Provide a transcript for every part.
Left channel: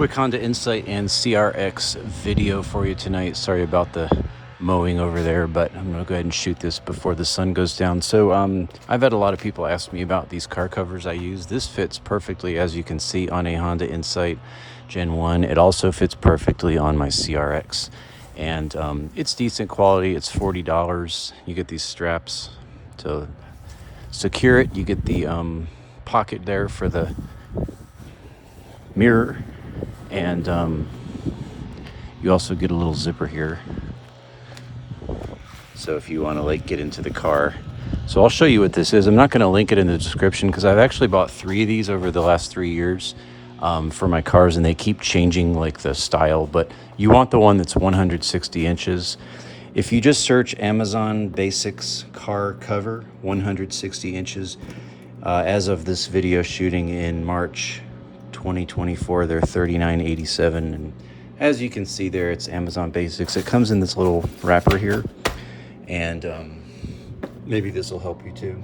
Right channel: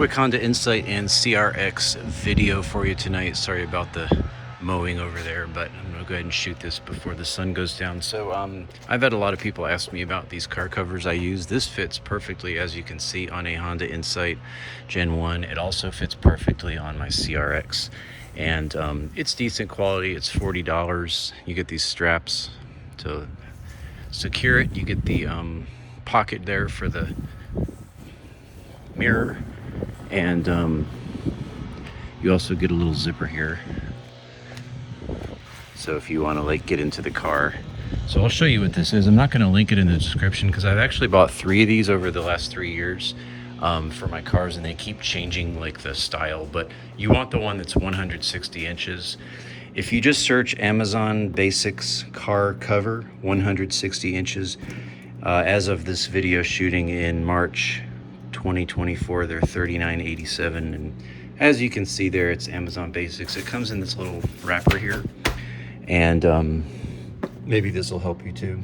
Quick Honda Insight and CRX video for you tonight. Sorry about the mowing over there, but I'm gonna go ahead and shoot this before the sun goes down. So I've had a lot of people ask me about these car covers I use. This fits perfectly, as you can see, on a Honda Insight Gen 1. It also fits perfectly on my CRX, and it's decent quality. It's $40. You get these straps to secure it. You get the pocket there for the mirror, and you also get a little zipper here, so if you want to like get into the car. So I'll show you what this is. I'm not going to link it in the description because I've actually bought 3 of these over the last 3 years for my cars, and they keep changing like the style, but you want the one that's 160 inches. If you just search Amazon Basics car cover 160 inches, as of this video shooting in March 2024, they're $39.87, and as you can see there, it's Amazon Basics. It comes in this little wrapper here, and maybe this will help you too.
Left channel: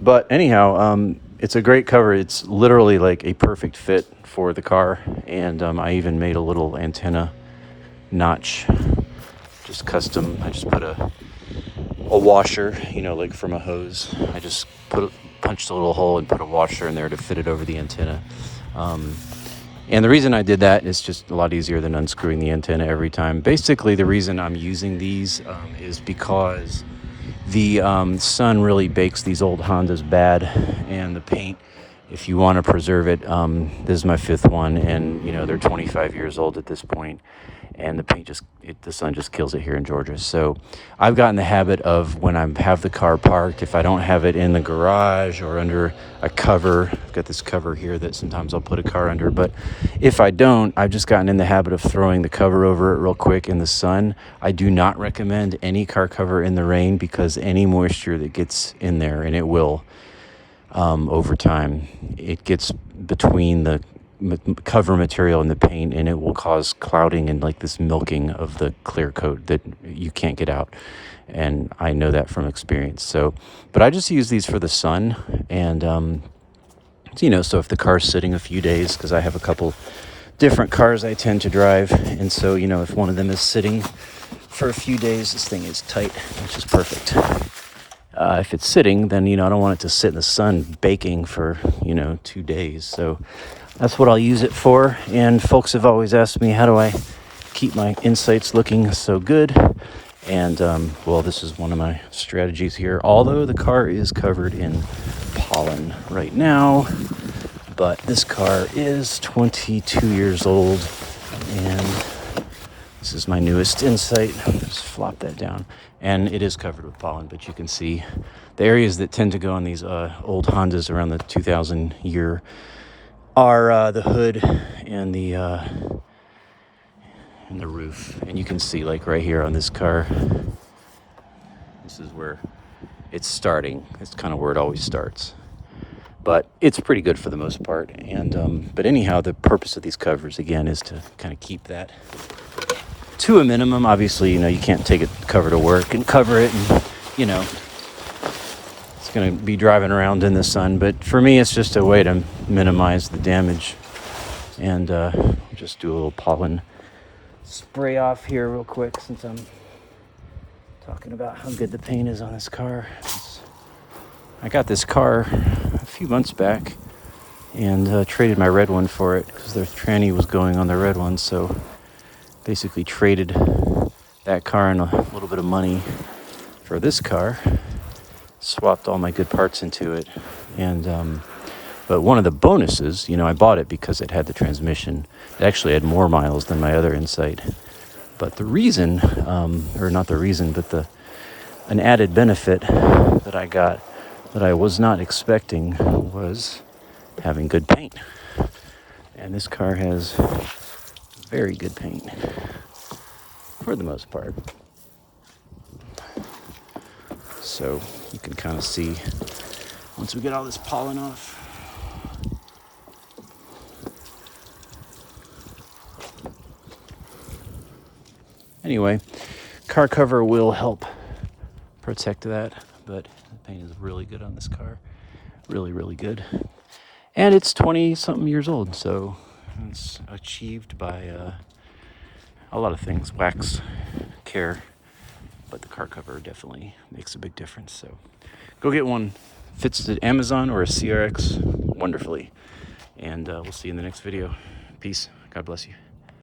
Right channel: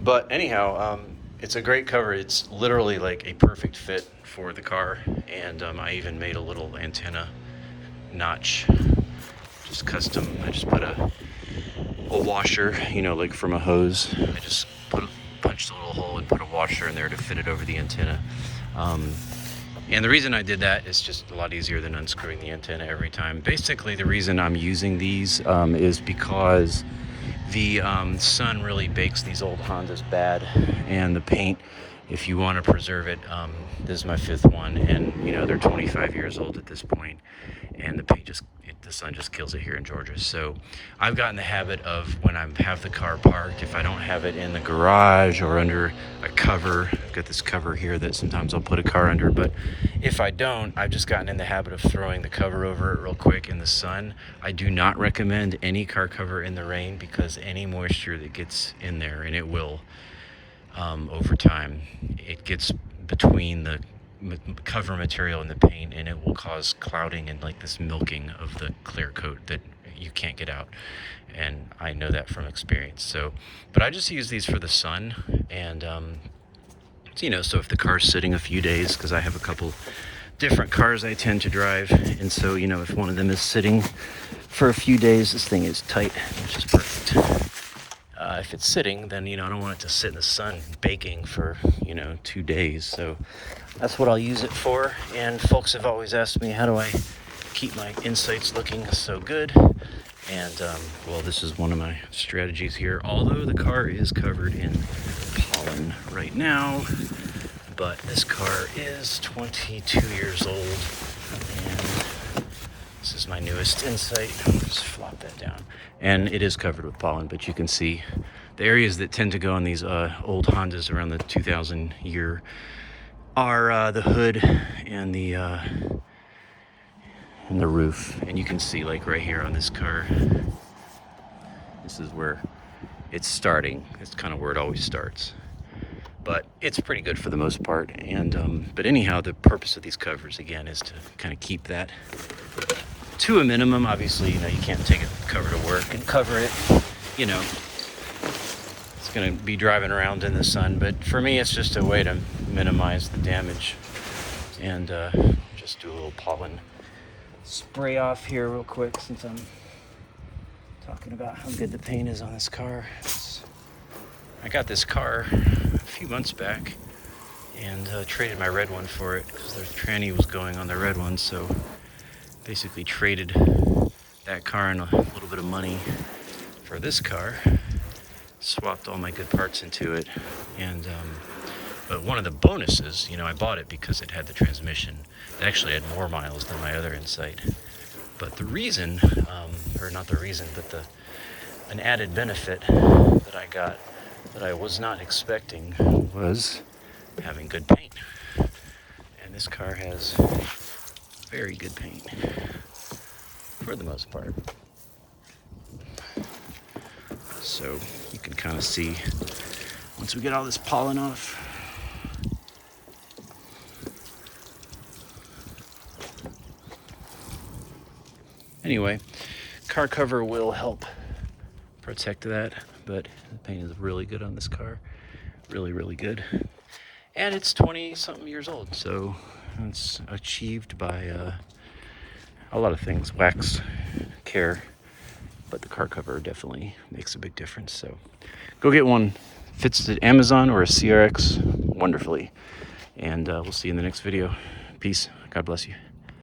But anyhow, it's a great cover. It's literally like a perfect fit for the car, and I even made a little antenna notch, just custom. I just put a washer, you know, like from a hose. I just punched a little hole and put a washer in there to fit it over the antenna. And the reason I did that is just a lot easier than unscrewing the antenna every time. Basically, the reason I'm using these is because the sun really bakes these old Hondas bad, and the paint, if you want to preserve it, this is my 5th one, and you know, they're 25 years old at this point, and the paint the sun just kills it here in Georgia. So I've gotten the habit of, when I have the car parked, if I don't have it in the garage or under a cover, I've got this cover here that sometimes I'll put a car under, but if I don't, I've just gotten in the habit of throwing the cover over it real quick in the sun. I do not recommend any car cover in the rain, because any moisture that gets in there, and it will, over time, it gets between the cover material and the paint, and it will cause clouding and like this milking of the clear coat that you can't get out. And I know that from experience. So, but I just use these for the sun, and you know, so if the car's sitting a few days, because I have a couple different cars I tend to drive, and so, you know, if one of them is sitting for a few days, this thing is tight, which is perfect. If it's sitting, then, you know, I don't want it to sit in the sun baking for, you know, 2 days. So that's what I'll use it for. And folks have always asked me, how do I keep my Insights looking so good? And well, this is one of my strategies here. Although the car is covered in pollen right now, but this car is 22 years old, and this is my newest Insight. Just flop that down. And it is covered with pollen, but you can see the areas that tend to go on these old Hondas around the 2000 year are the hood and the roof. And you can see, like right here on this car, this is where it's starting. It's kind of where it always starts. But it's pretty good for the most part. And but anyhow, the purpose of these covers, again, is to kind of keep that to a minimum. Obviously, you know, you can't take a cover to work and cover it, and, you know, it's going to be driving around in the sun. But for me, it's just a way to minimize the damage. And just do a little pollen spray off here real quick, since I'm talking about how good the paint is on this car. I got this car a few months back, and traded my red one for it, because the tranny was going on the red one. So basically traded that car and a little bit of money for this car, swapped all my good parts into it. And but one of the bonuses, you know, I bought it because it had the transmission. It actually had more miles than my other Insight. But the reason, or not the reason, but an added benefit that I got that I was not expecting was having good paint. And this car has very good paint for the most part. So you can kind of see, once we get all this pollen off, anyway, car cover will help protect that, but the paint is really good on this car. Really, really good. And it's 20 something years old, so And it's achieved by a lot of things, wax, care, but the car cover definitely makes a big difference. So go get one. Fits the Amazon or a CRX wonderfully. And we'll see you in the next video. Peace. God bless you.